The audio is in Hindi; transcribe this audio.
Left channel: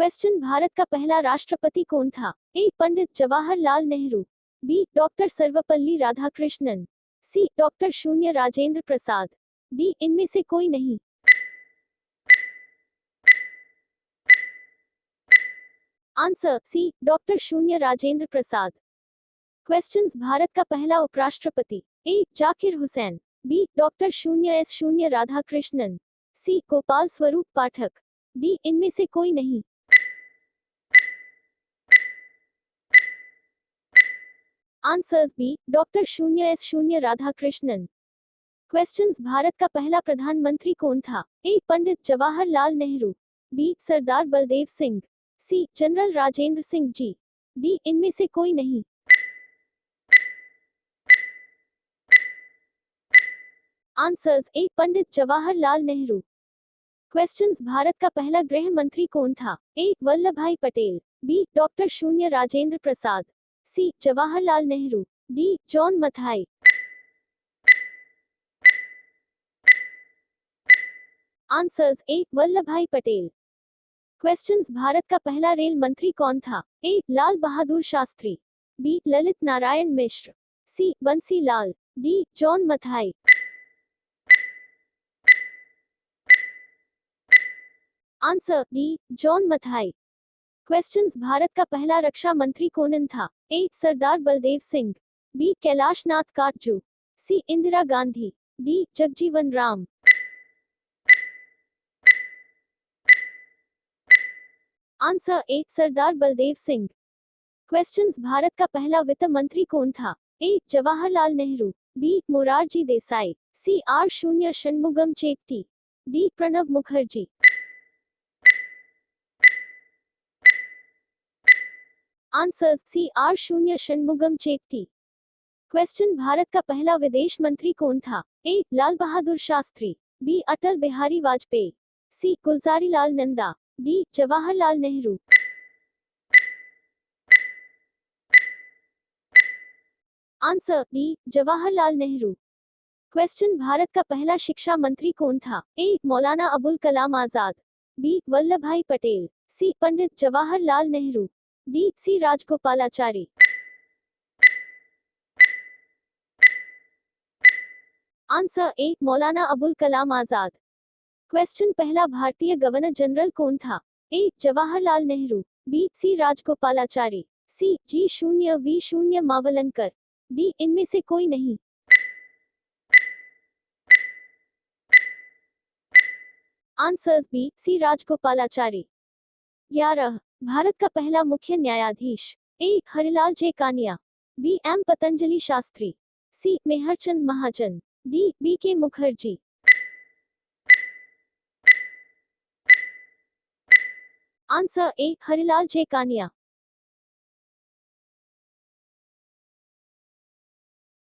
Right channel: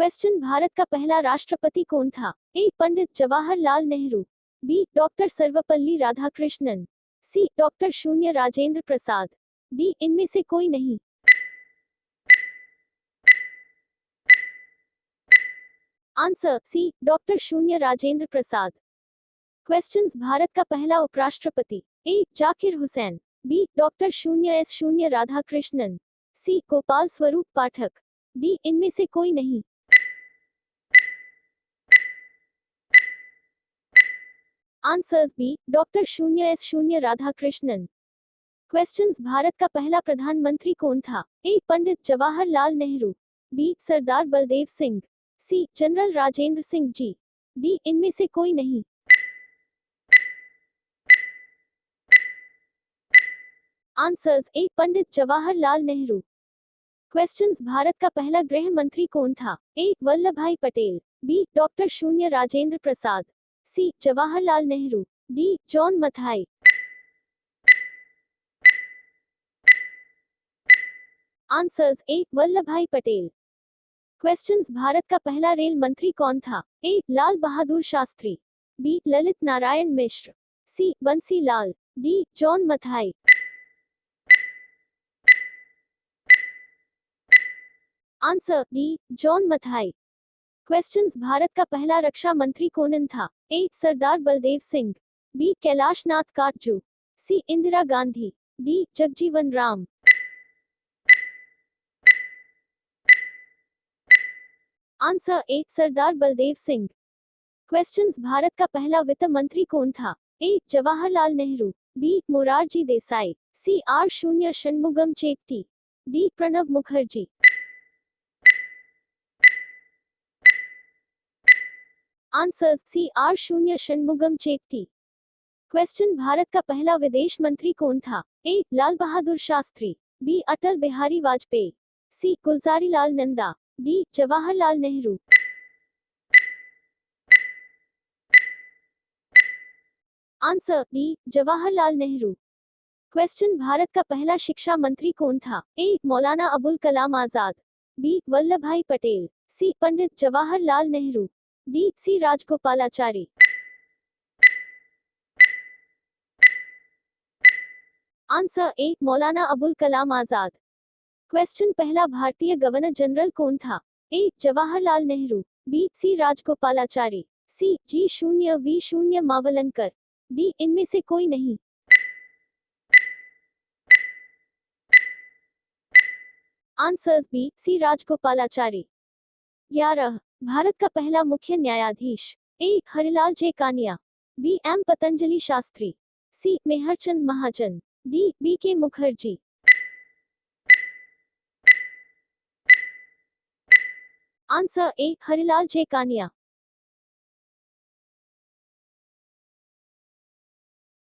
क्वेश्चन, भारत का पहला राष्ट्रपति कौन था? ए. पंडित जवाहरलाल नेहरू, बी. डॉक्टर सर्वपल्ली राधाकृष्णन, सी. डॉक्टर शून्य राजेंद्र प्रसाद, डी. इनमें से कोई नहीं। Answer C. डॉक्टर शून्य राजेंद्र प्रसाद। क्वेश्चंस, भारत का पहला उपराष्ट्रपति? ए. जाकिर हुसैन, बी. डॉक्टर शून्य राधाकृष्णन, सी. गोपाल स्वरूप पाठक, डी. इनमें से कोई नहीं। Answers B. डॉक्टर शून्य राधाकृष्णन। क्वेश्चंस, भारत का पहला प्रधानमंत्री कौन था? ए. पंडित जवाहरलाल नेहरू, बी. सरदार बलदेव सिंह, सी. General Rajendra Singh ji, D. इनमें से कोई नहीं। आंसर्स ए. पंडित जवाहरलाल नेहरू। क्वेश्चंस, भारत का पहला गृह मंत्री कौन था? ए. वल्लभ भाई पटेल, बी. डॉक्टर शून्य Rajendra Prasad, C. Jawaharlal Nehru, D. John Mathai. Answers A. Vallabh Bhai Patel. Questions, Bharat का पहला रेल मंत्री कौन था? A. Lal Bahadur Shastri, B. Lalit Narayan Mishra, C. Bansi Lal, D. John Mathai. Answer D. John Mathai. Questions, Bharat का पहला रक्षा मंत्री कौन था? A. Sardar Baldev Singh, B. Kailash Nath Katju, C. Indira Gandhi, D. Jagjivan Ram. Answer A. Sardar Baldev Singh. Questions, Bharat का पहला वित्त मंत्री कौन था? A. Jawaharlal Nehru, B. Morarji Desai, C. R. शून्य Shanmukham Chetty, D. Pranab Mukherjee. Answers C. R. शून्य षणमुगम चेट्टी। क्वेश्चन, भारत का पहला विदेश मंत्री कौन था? A. Lal Bahadur Shastri, B. Atal Bihari Vajpayee, C. Gulzarilal Nanda, D. Jawaharlal Nehru. Answer D. Jawaharlal Nehru. Question, Bharat का पहला शिक्षा मंत्री कौन था? A. Maulana Abul Kalam Azad, B. Vallabh Bhai Patel, C. Pandit Jawaharlal Nehru, D. C. Rajagopalachari. Answer A. Maulana Abul Kalam Azad. Question, पहला भारतीय गवर्नर जनरल कौन था? A. Jawaharlal Nehru, B. C. Rajagopalachari, C. G. Mavalankar, D. इनमें से कोई नहीं। Answers B. सी. राजगोपालाचारी। 11. भारत का पहला मुख्य न्यायाधीश? A. Harilal J Kania, B. M. Patanjali Shastri, C. Mehr Chand Mahajan, D. B. K Mukherjee. Answer A. Harilal J Kania.